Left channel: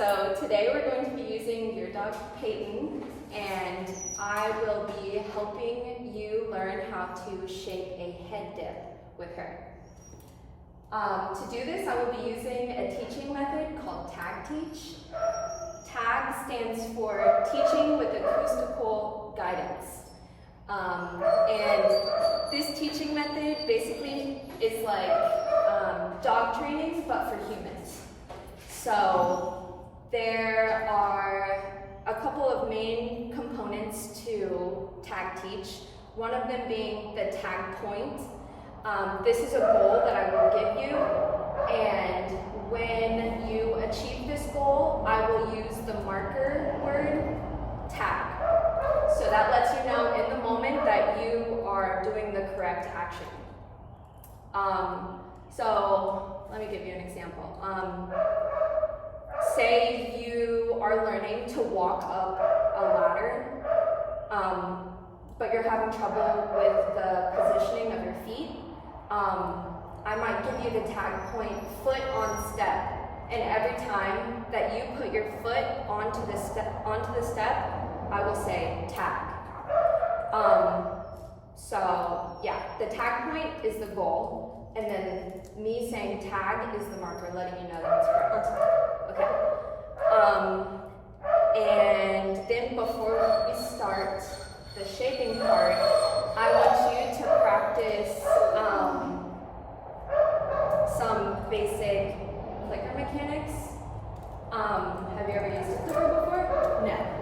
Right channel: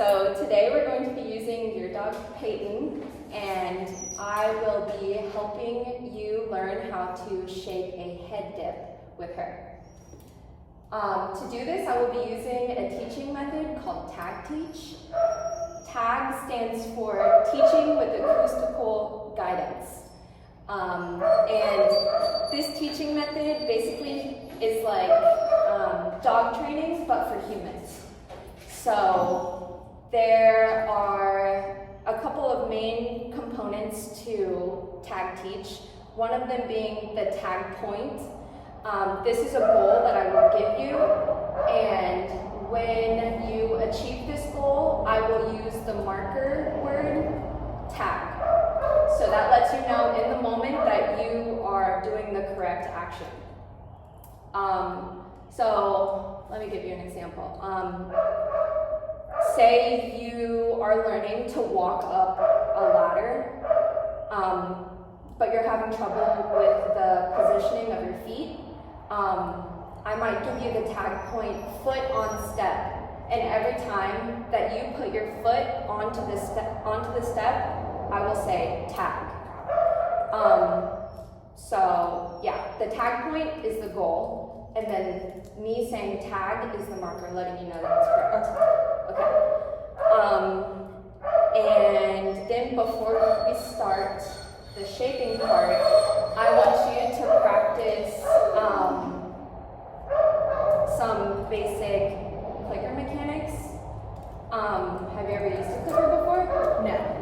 So today we're going to be using your dog Peyton, and I will be helping you learn how to shape a head dip with her. To do this, I will be using a teaching method called Tag Teach. TAG stands for Teaching with Acoustical Guidance. And this teaching method basically is like dog training, but for humans. So there are a couple of main components to Tag Teach, one of them being the tag point. This is a goal that I will give you, and when you achieve this goal, I will use the marker word tag. So that lets you know in the moment that you are doing the correct action. So let me give you an example. Say you are learning to walk up a ladder, but you're having trouble with the positioning of your feet. I might give you the tag point foot on step, and every time that you put your foot onto the step, I will say tag. So yeah, the tag point is the goal, and then me saying tag is the marker letting you know that it's correct. Okay. And then before we start the shaping part, I want you to practice some basic clicker mechanics. Have you ever used a clicker before?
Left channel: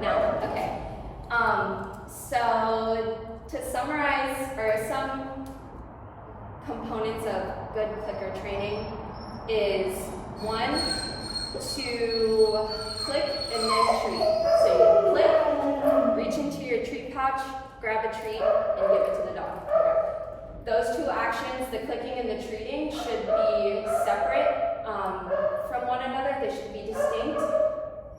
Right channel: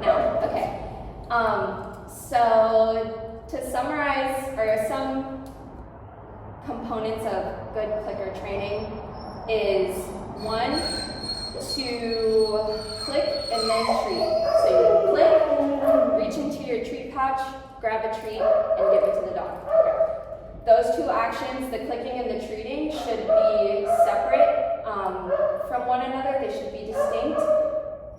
No? Okay. So to summarize, or some components of good clicker training is 1, to click and then treat. So you click, reach into your treat pouch, grab a treat, and give it to the dog. Those two actions, the clicking and the treating, should be separate from one another. They should be distinct,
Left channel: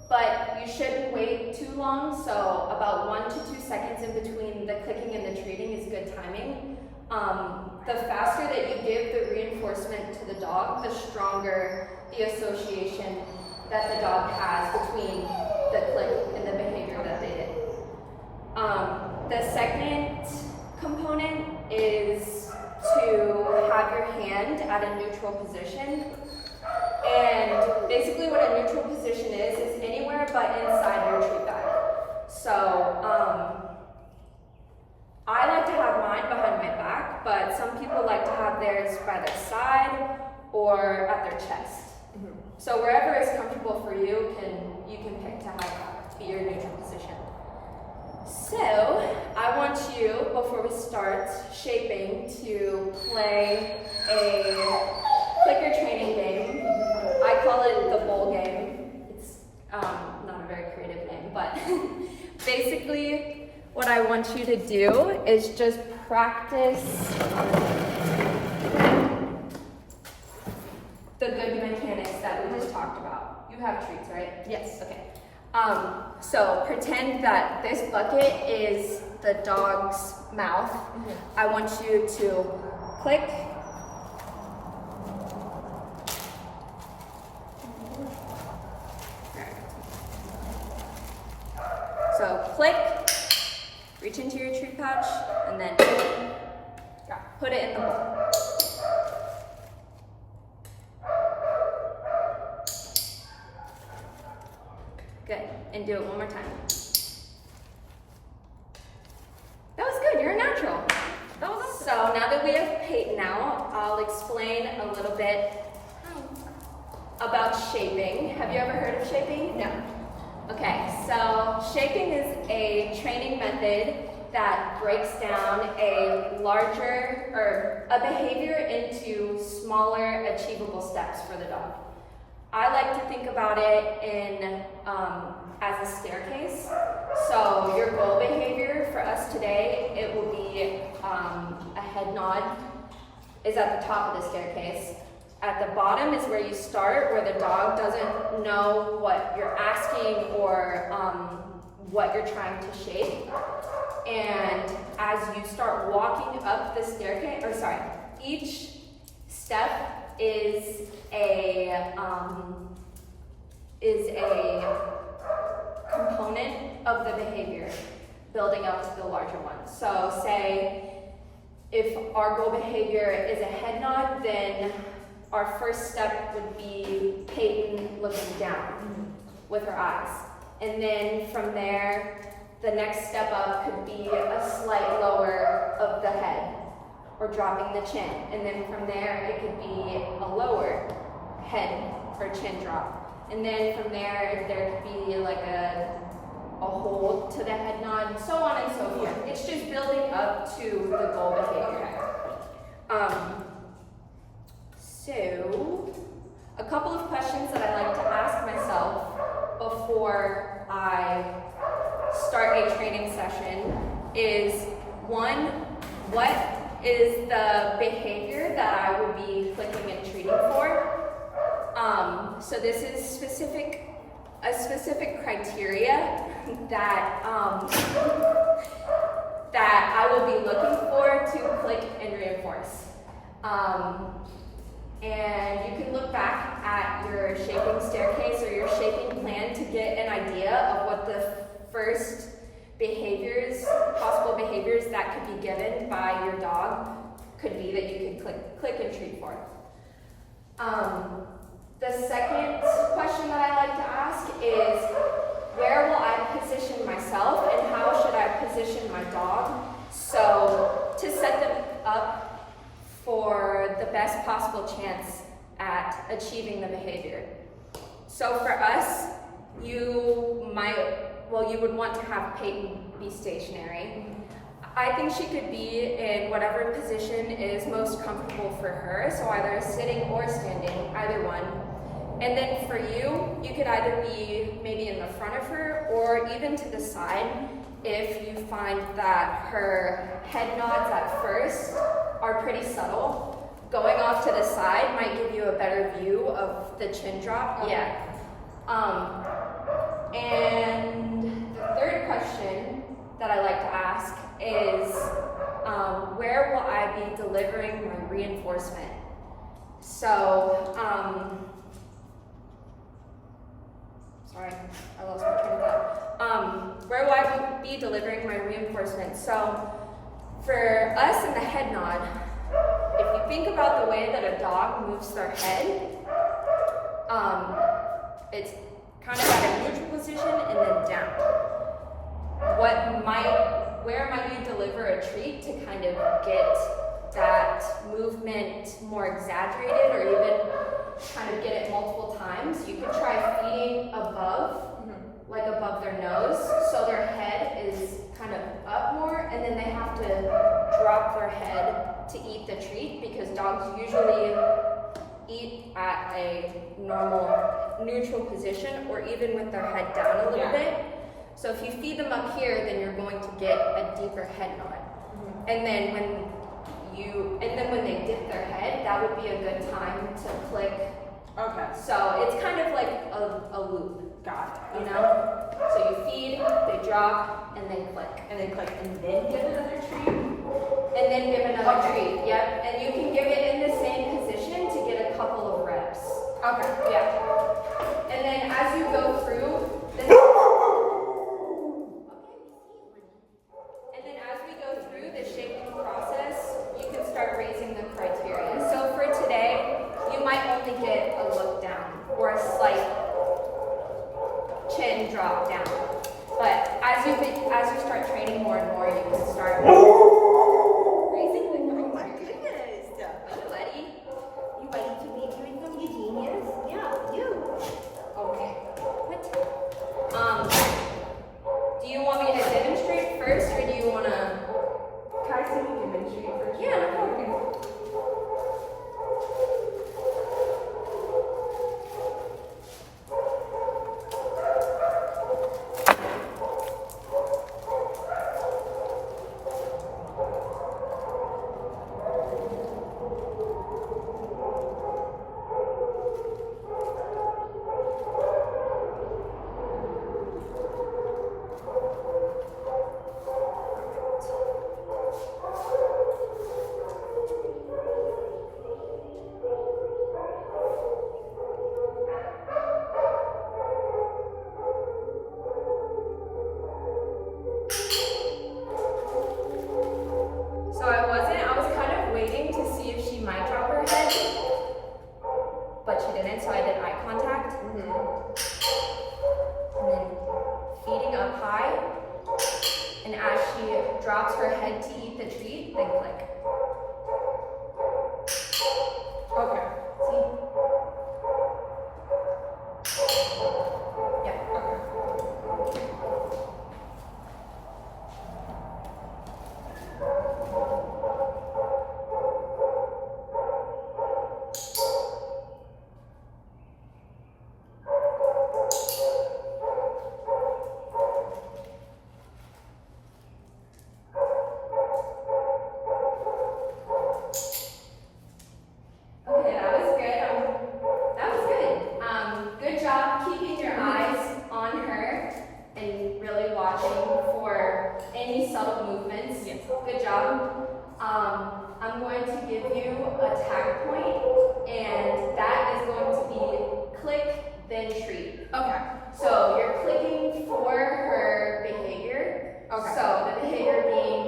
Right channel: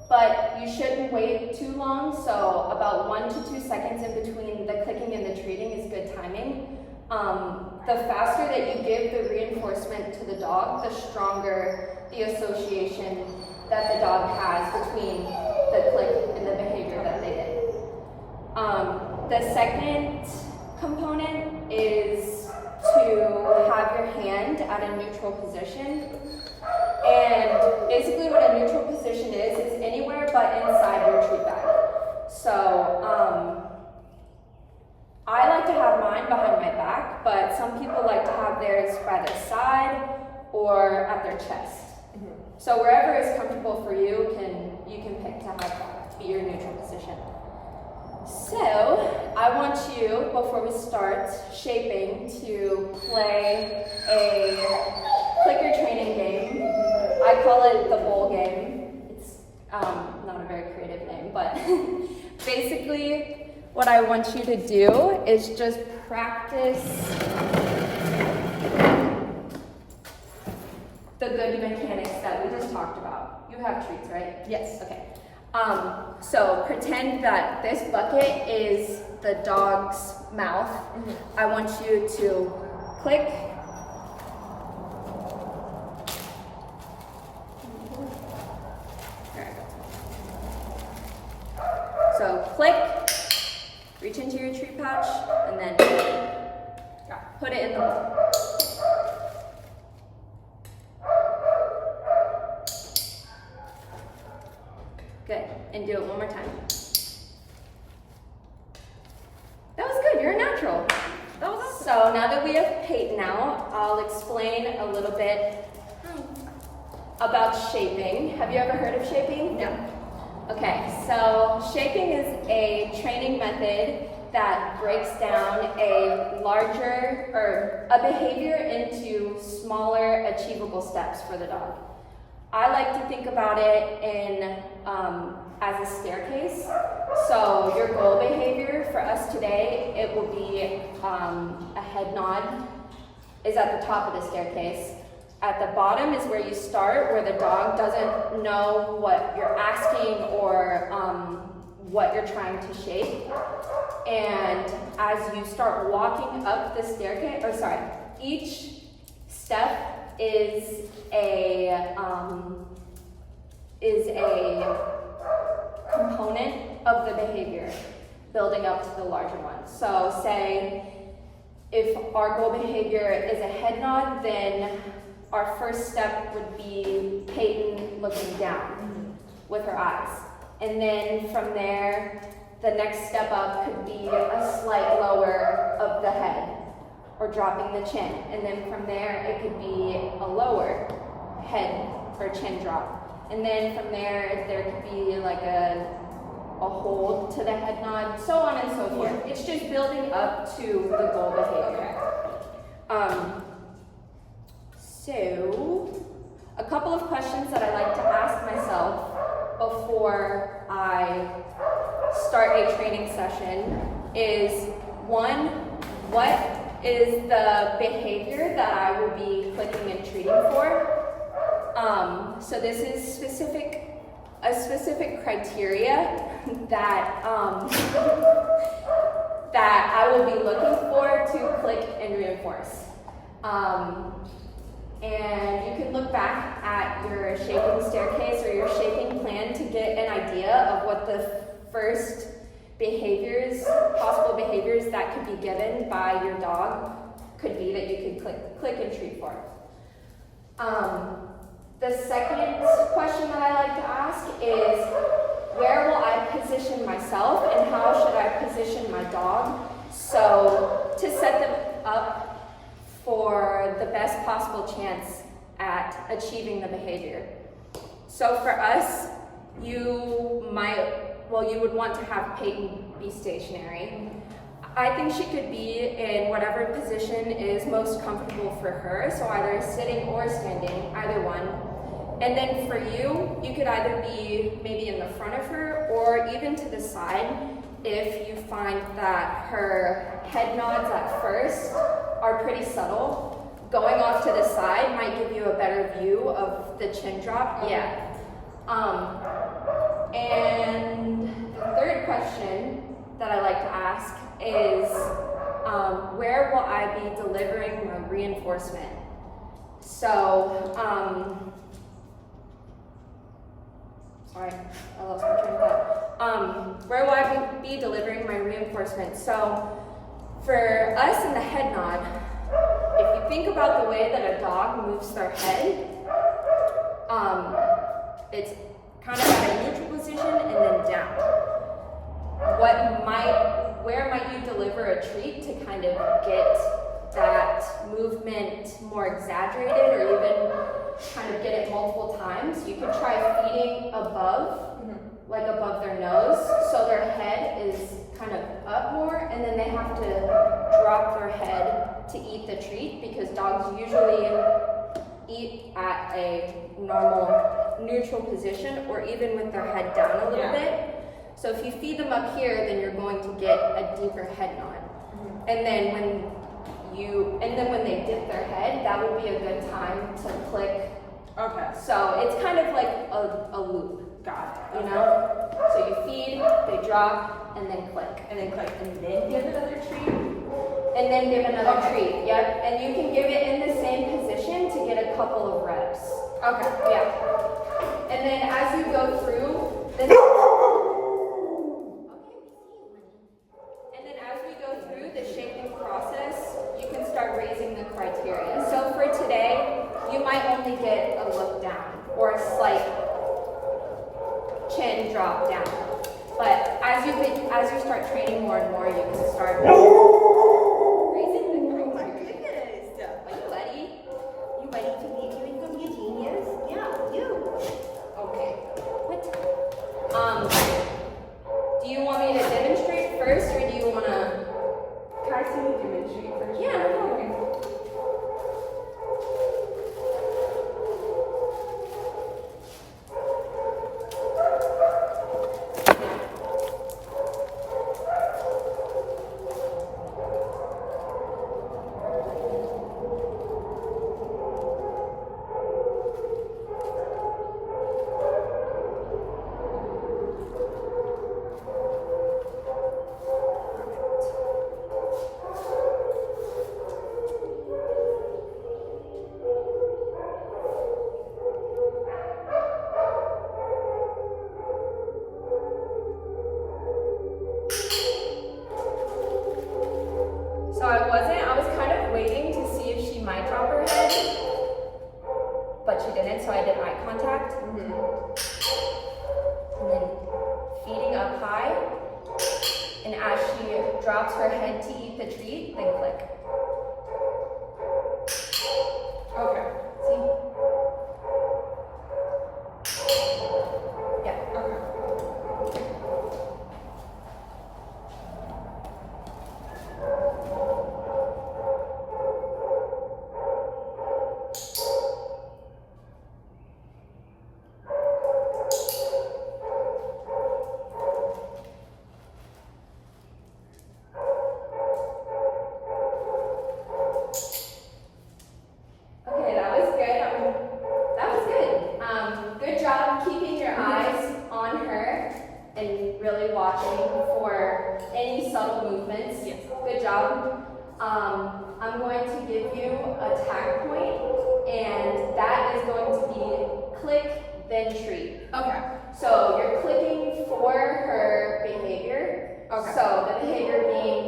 but you shouldn't wait too long. So about 1 to 2 seconds in between the clicking and the treating is good timing. The faster that you give the reinforcement to the dog, the stronger the association that the dog has between the click and the behavior that they did. The second component is to have your hand at a neutral position. And basically what a neutral position is anywhere but inside your treat bag. So I like to have mine behind my back, but some people like to have theirs by their side or at their chest. So wherever is comfortable for you, you can pick to have that be your neutral position. So I want you, before we start shaping, to play a clicker training game. I call it the bowl game. It's not a very creative name, but basically what I want you to do is just practice the good mechanics that we just talked about. You have treats, right? Yes. Okay. So pretend that this bucket is the dog's mouth. I want you to click. There we go. So click, reach into your treat pouch, and then put it in the bowl. Good, and do it one more time. That was good, you're a natural. That was awesome. So now that we have Peyton out, I'll explain a little bit about shaping. Have you ever heard of shaping? No. Okay, so shaping is a training method that breaks down a larger, or a behavior into smaller achievable steps for the dog. I like to think about it as a staircase. So your goal behavior for us today, it will be a head nod is at the top of the staircase. At the bottom is where you start, where the dog doesn't know what you're asking or what you're trying to shape. And as you start walking up the staircase, each step is is a component of the behavior building up to the larger one. So say if our goal behavior is a head nod, then our first step would be Peyton looking down with her eyes. And then from there, the next step up could be a slight lower of the head or dropping the chin. And then from there, it could be a lower head or chin drop. And then from there, there could be like a hold to the head nod, so on and so forth. Yeah. It's just building up to the goal behavior. Okay. So, a couple of questions that I like to ask myself before I start a training session is, one, what is the behavior that I will be clicking and treating for? So this is a specific criteria that that I will be looking for to click and reinforce. And you can look back at your shaping staircase or your shaping plan to get an idea of what the first behaviors, possible behaviors that could be given by your dog could be that you could click and treat for. The second question that I like to ask is, where will I position myself and how should I position my dog so to set them up for the best possible chance at achieving the behavior. So for us, you would want to have Peyton be stationary. I think she could be in whatever position is most comfortable for her, so either sitting or standing, either one. And then for you, you could either be maybe in the front of her or even to the side if you find that her head nods at first are pretty subtle. Going off to the side might give you a better view of the chin drop. Okay. Yeah. And the third question that I like to ask is, where will I be delivering my reinforcement? So, sorry, I lost my train of thought. Where will I be delivering my reinforcement? So, for us in the head nod, if you think about the way that a dog moves their head, it's kind of at a neutral position and then down. Where might you deliver a treat to kind of get that movement more exaggerated or even kind of get it multiple times? You could try feeding above, like above their nose, so their head is kind of up more, and then they have to drop their head to eat the treat, because dogs usually eat at a normal neutral position or even with their head down a little bit. So if you feed them up here, then you're going to get a deeper head nod. And then when they dip their head, that would be a good time to click. Okay. So it's kind of like a loop. Got it. You know? So you feed, they drop, and then click. And then click, and then give another treat. And then give another treat. Yep. And you can give it in the same position to get a couple of reps. Okay. Yeah. And then as you go through the shaping process, you can start raising the criteria. So for today, you might only get a look down or a slight chin drop down. But as you start training more and more, you can start raising the criteria. Oh my goodness! Are you ready? You ready to be doing some genius? Yeah, you. Okay. What? Do you want me to demonstrate first, or do you want to? Can I see you demonstrate first? Yeah, no problem. drops her head to eat the treat, then click. Okay. See? Yeah. Okay. Okay, that was good. That was good. Good job keeping your eyes on her and really watching for any subtle movements. Yes. Good job. I'm going to give you a tag point, and that is going to be click, then treat. Okay. So you're clicking for her behavior. Okay. So the behavior being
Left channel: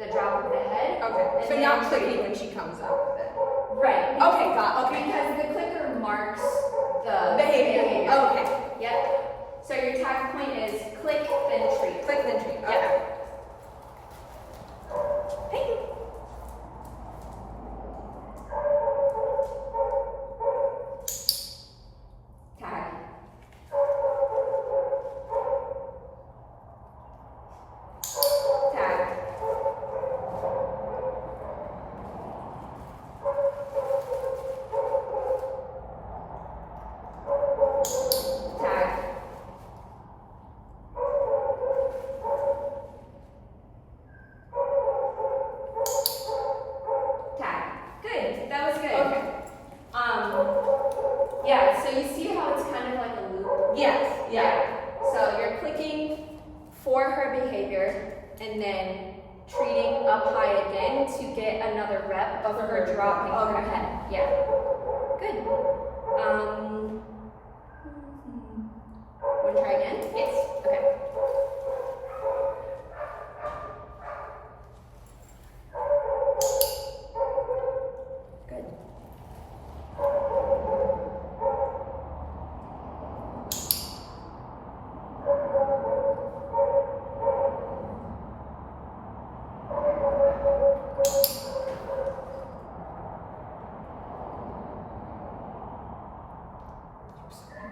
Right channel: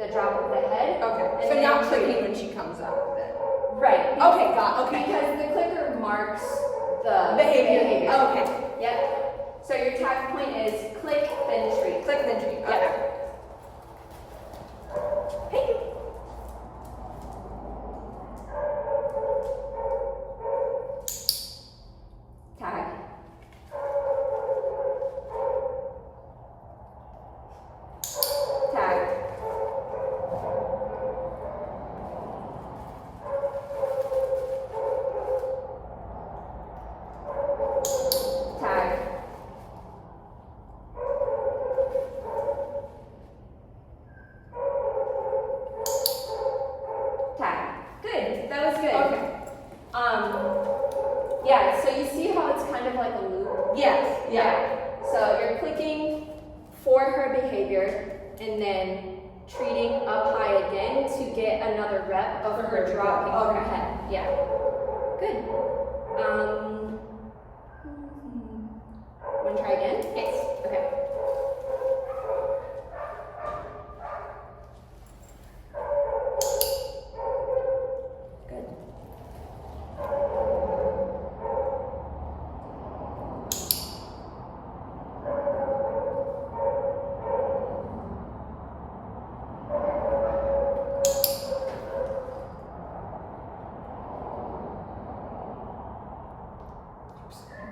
the drop of the head. Okay. and So then not treat. clicking when she comes up then. Right. Okay, okay. Because the clicker marks the Behavior. Okay. Yep. So your tag point is click, then treat. Click then treat. Okay. Yep. Thank you. Tag. Tag. Tag. Tag. Good. That was good. Okay. Yeah, so you see how it's kind of like a loop? Yes. Yeah. So you're clicking for her behavior and then treating up high again to get another rep of her dropping her Okay. head. Yeah. Good. Want to try again? Yes. Okay. Good.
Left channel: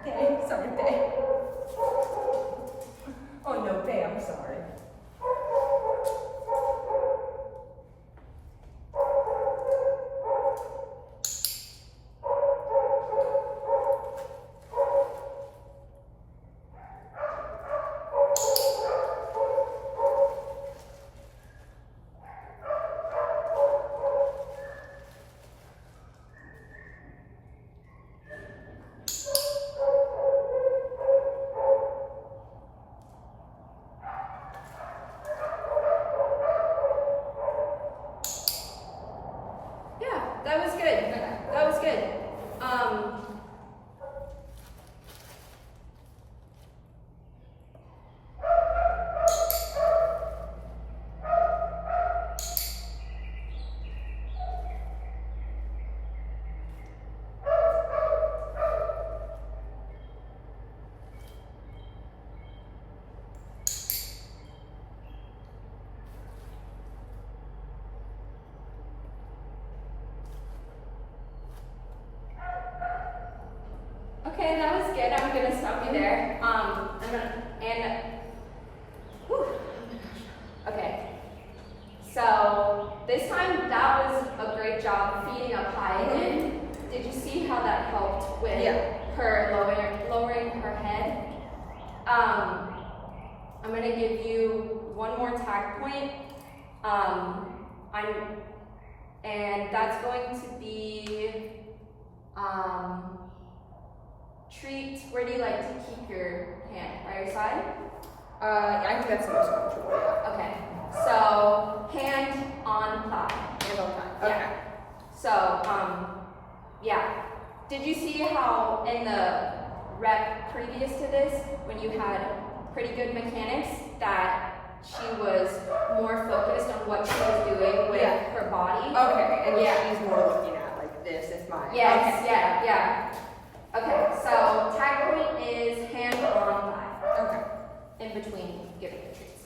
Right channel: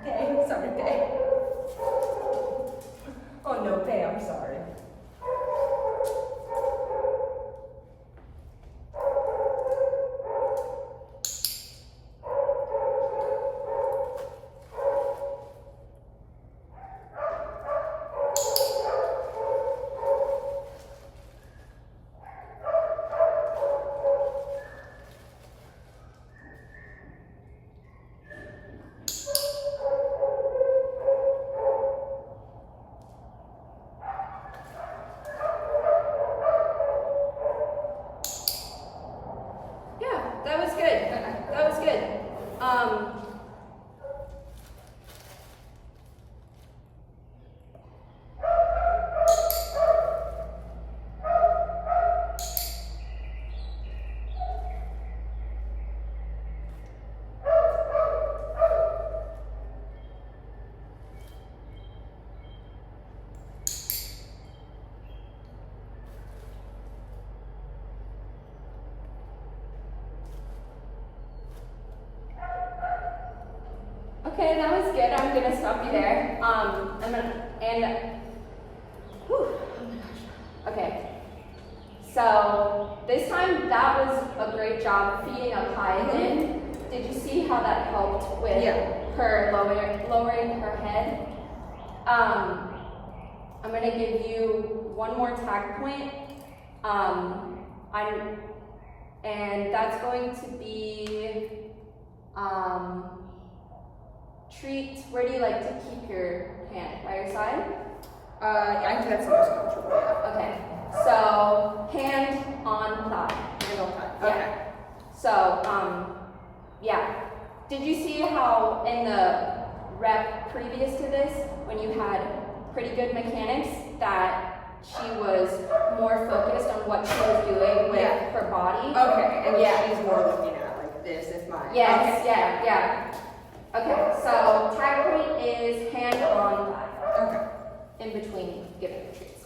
Day. Sorry, Day. Oh no, Day, I'm sorry. Yeah, that was good. That was good. Okay, that was good. I'm gonna stop you there. Whew, oh my gosh. Okay. So this time that was a great job feeding up high again. Did you see how that helped with her lowering her head? I'm gonna give you one more tag point. And that's going to be treat. Where do you like to keep your hand? By your side? I think that's the most comfortable, yeah. Okay. So hand on thigh. Hand on thigh. Yeah. Okay. So yeah. Did you see how in the rep previous to this, when you had pretty good mechanics, that she was more focused on what she was doing with her body? Okay, and Yeah. she's more looking at like this if my Yes, okay. yeah. Okay, so tag point is hand on thigh, Okay. in between giving the treats.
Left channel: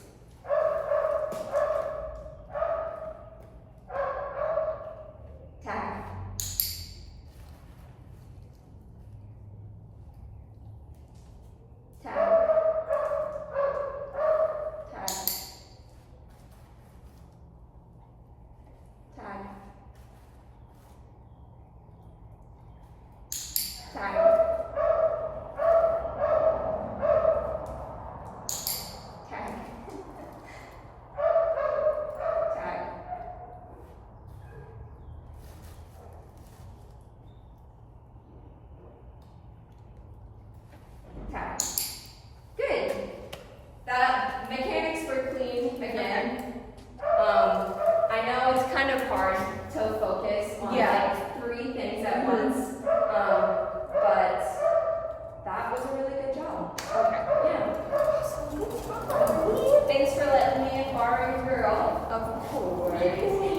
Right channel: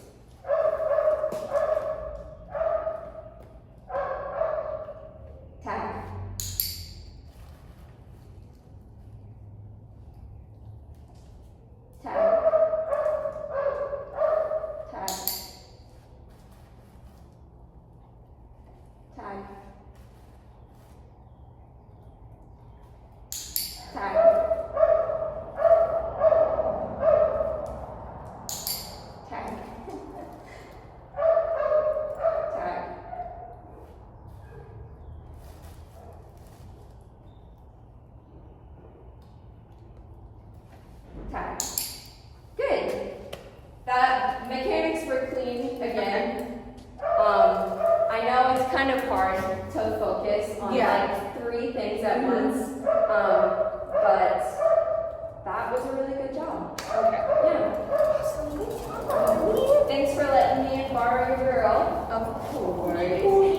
kind of hard to focus on Yeah. like 3 things at once. But that was a really good job. Okay. Yeah. Thanks for letting me borrow your girl. Of course.